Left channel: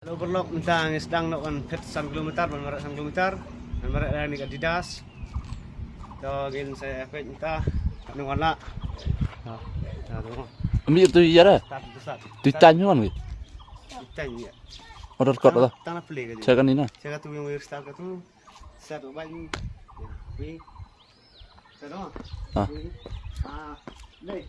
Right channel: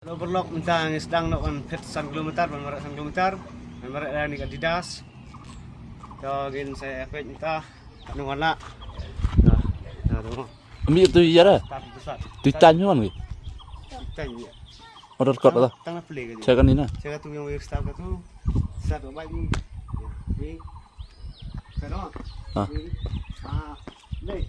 Overlock mentang sedang nak kan pet 1 kilometer, marak 1 kilometer, marak dah ni Adidas. So gin saya efek minta anu wala. Nah, tu. Ambil tu ya dah. Tak besar. Tu tanya kan ke? Tanya. Order code lah. Tanah play ke. Saya kan ni nah. Saya tu yang wire star tu. Satu baik ni. Ni. Sana. Ah. Ah. Leh.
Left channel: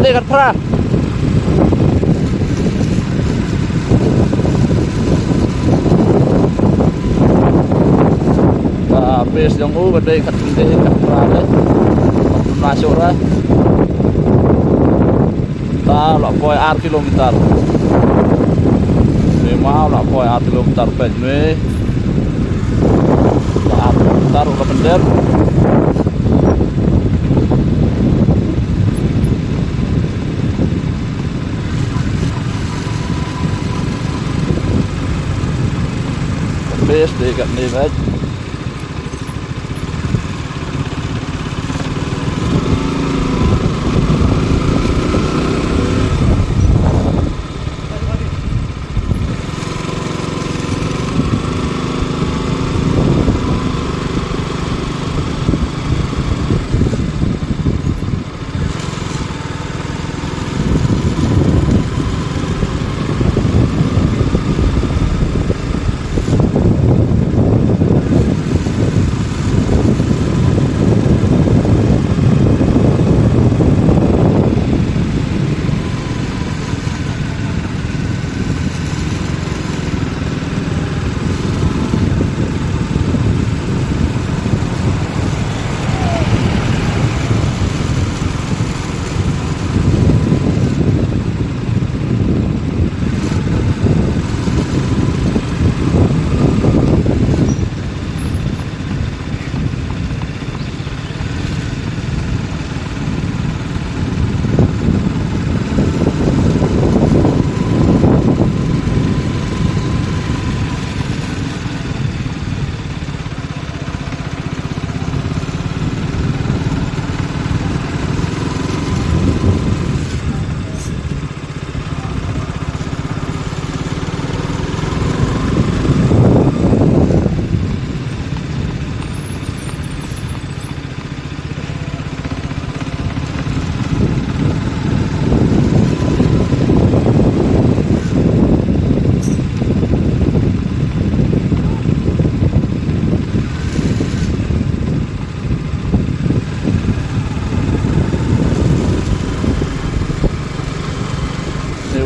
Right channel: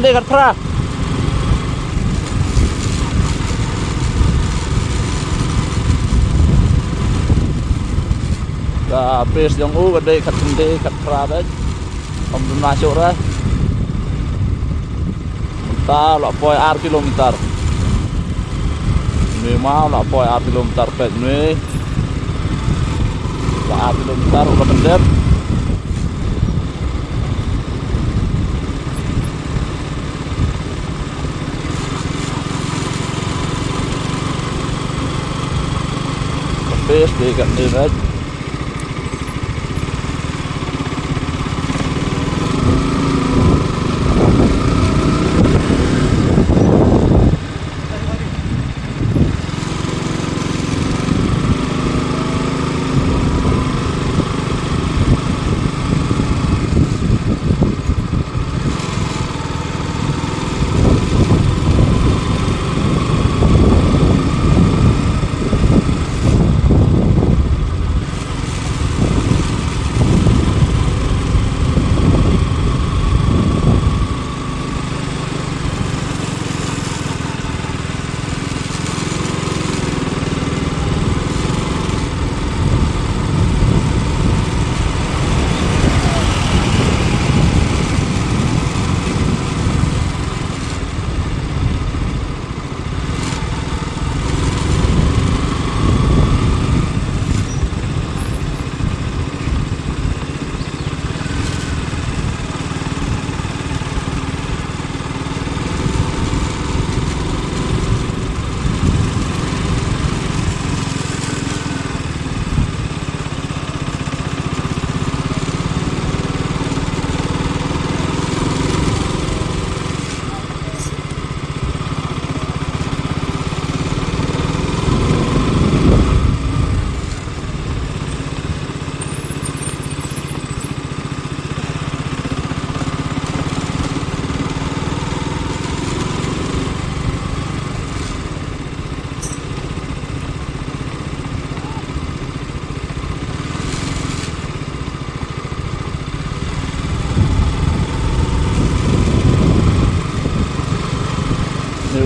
Kende kat pra. Ka base yang gede kat kende kat pra đấy. Không đúng masuk ra. Ta là poi ar kilometer. Memang lah poi ar kilometer pet ni. Lah ar kilometer udah bener. Base dekat ni right.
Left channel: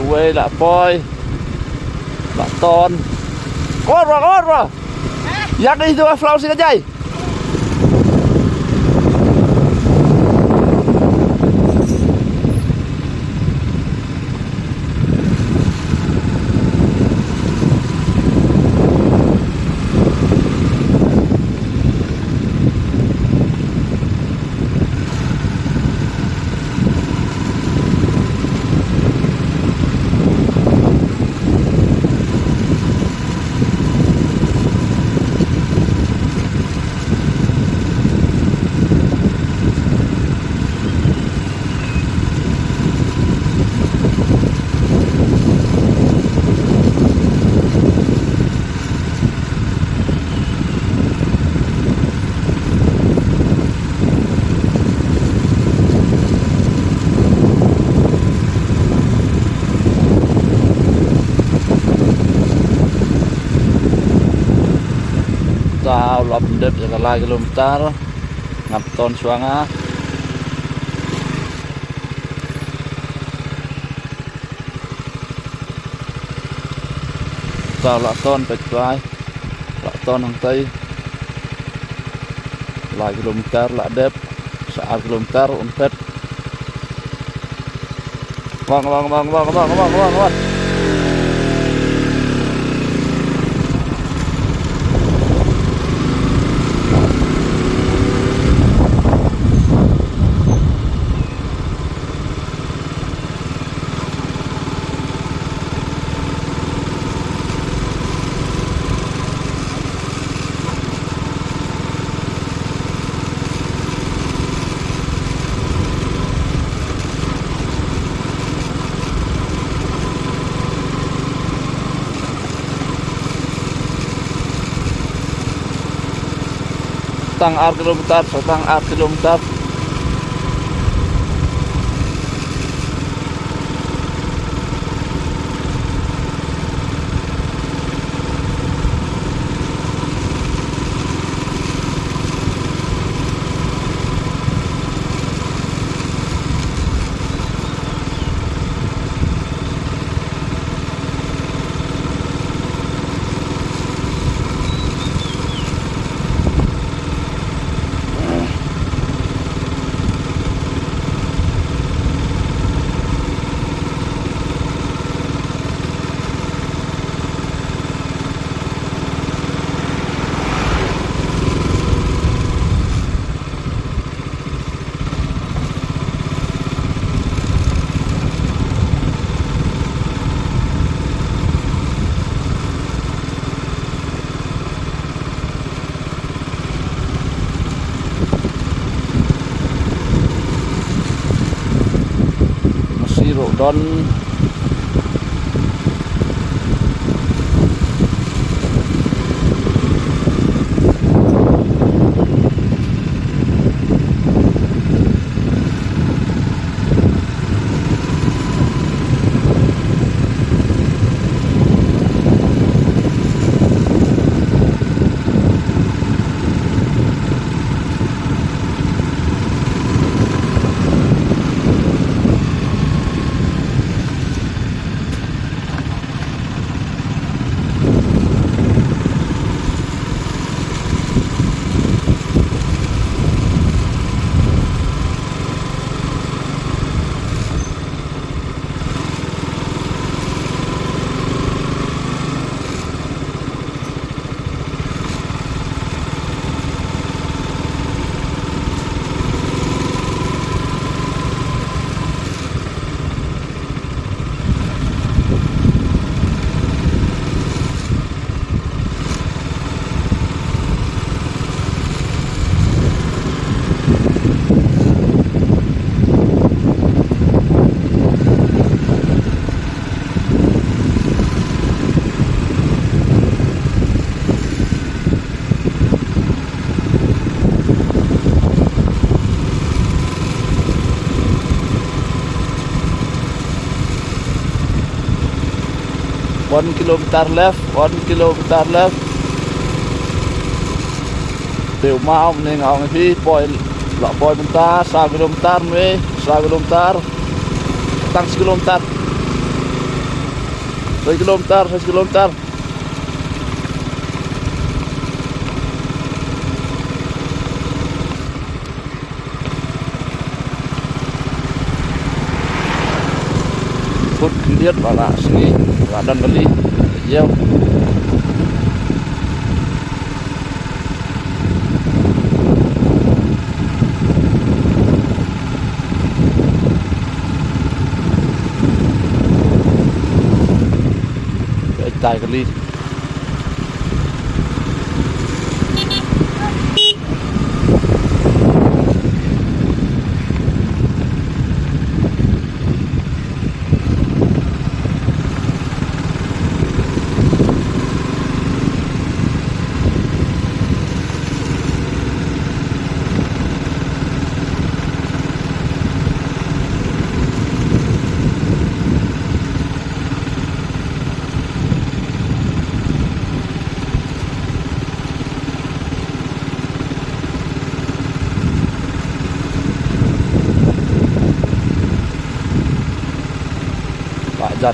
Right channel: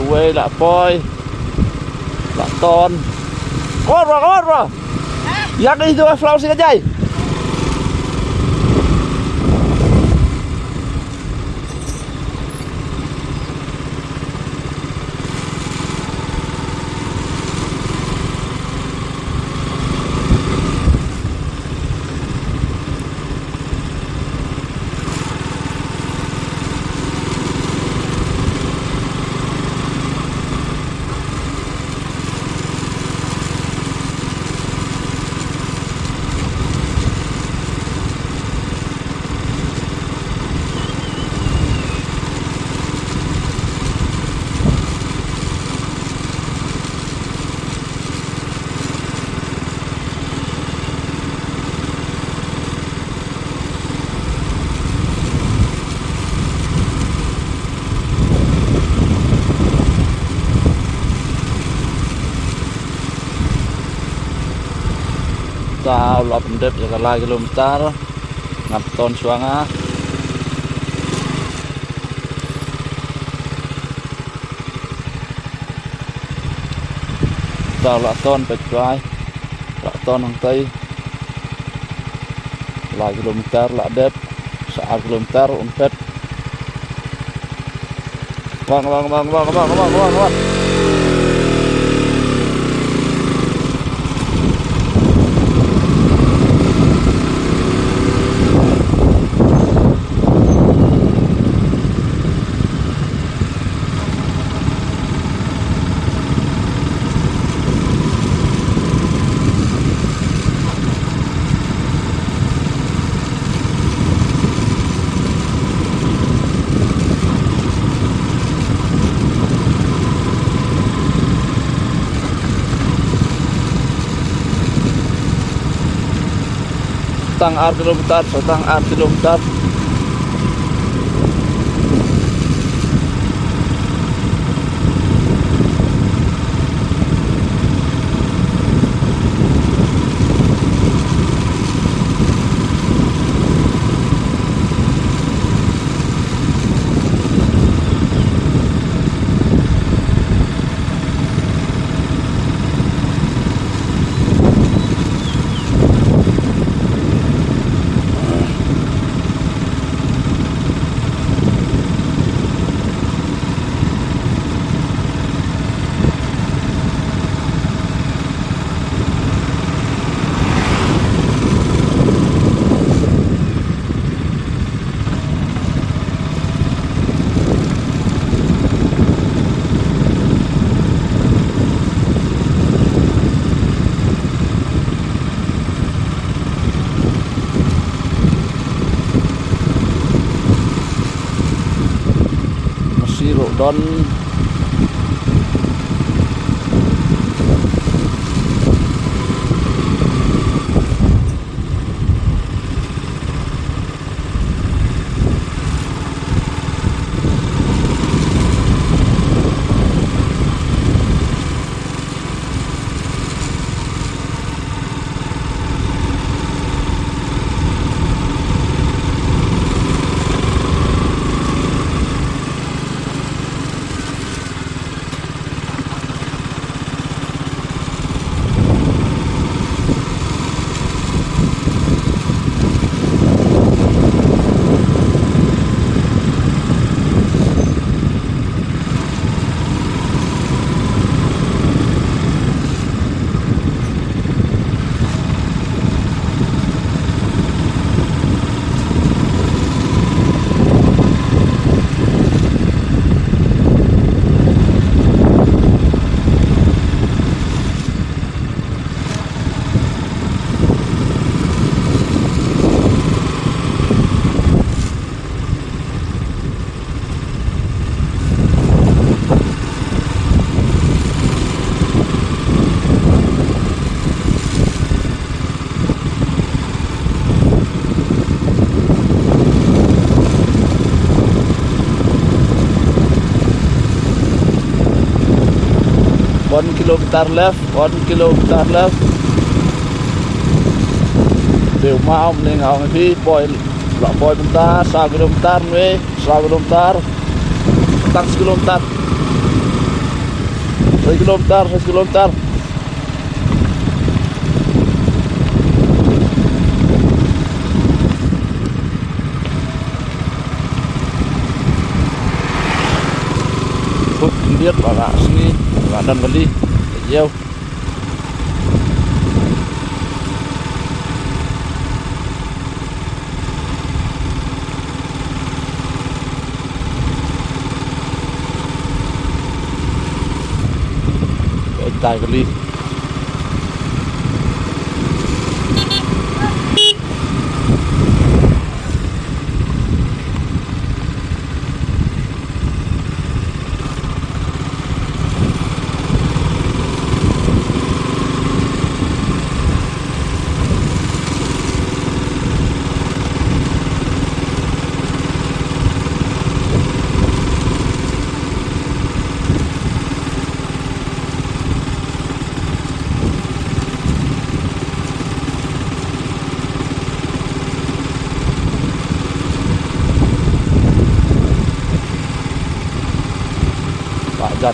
Quê là poi là ton có rồi dắt đi thôi flow xin cái dây tao lop dep jaga lai kilometer ngap ton suanga tao la ton pet vai la ton hang tây lai kilometer la dep sa kilometer umpet vâng setang ar kilometer Don 1 kilometer left, 1 kilometer left. Đều mau nên ngào phi poi la poi bentar 1 kilometer we 1 kilometer. Tang 1 kilometer. 1 kilometer, 1 kilometer. Phút liệt vào lạ sini và đâm bali gieo cái tài cái ly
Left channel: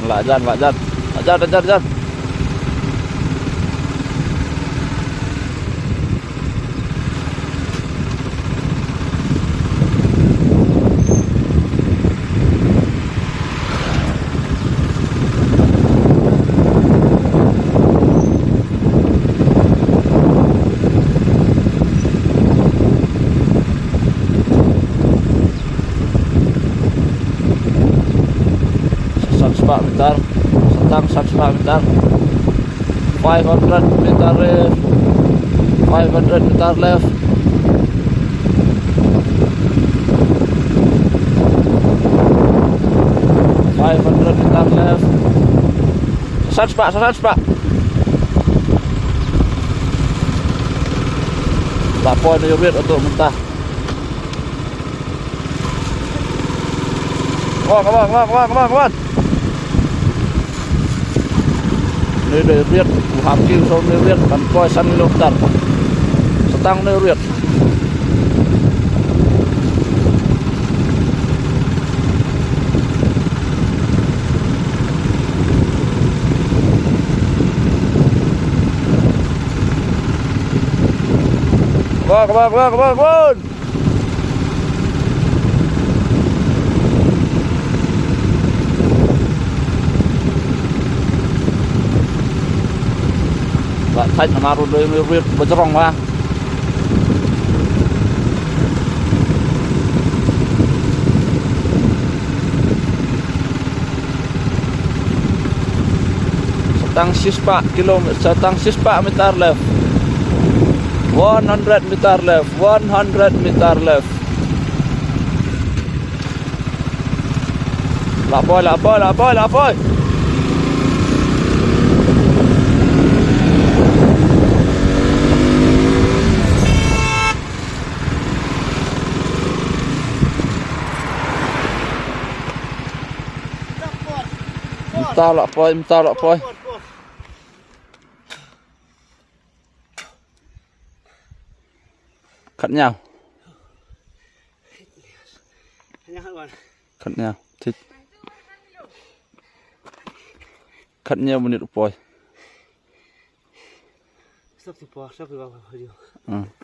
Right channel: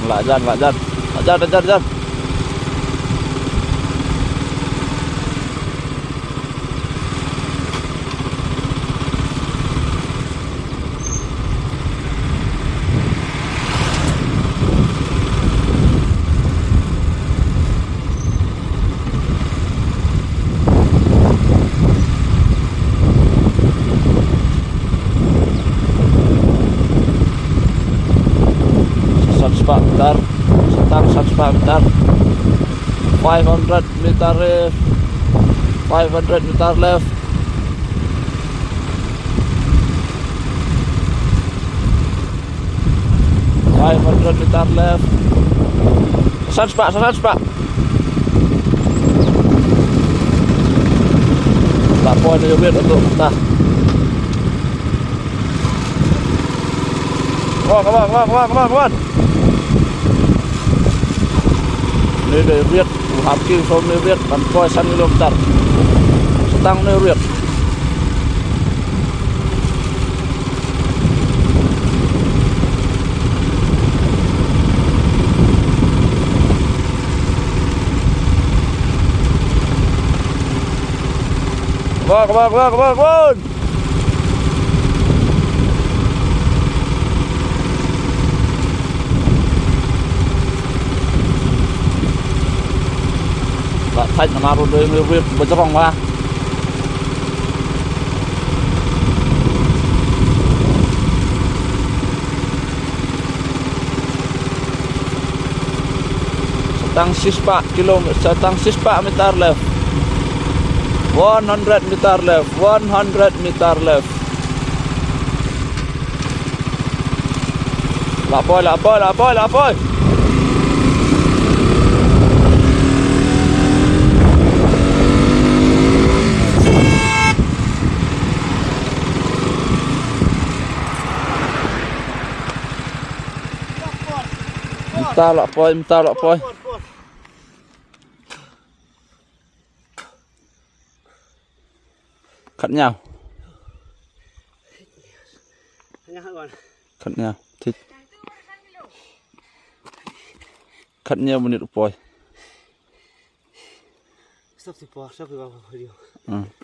lại dần meter, setang 100 meter, 500 meter left, 500 meter left, 500 meter left, 100 pak, tak poin dia untuk mentah. Come on. Nơi đây riết hàm kim sông nơi riết bắn coi săn kilometer setang nơi riết come on. Lại thành là maru đây người Việt bên trong mà setang 6 meter left, 100 meter left, 100 meter left, Lạ bôi. Tao lạ bôi. Cắt nhau. Cắt nhau. Thích. Cắt nhau một nít bôi. Stop di po, stop di po. Ừ.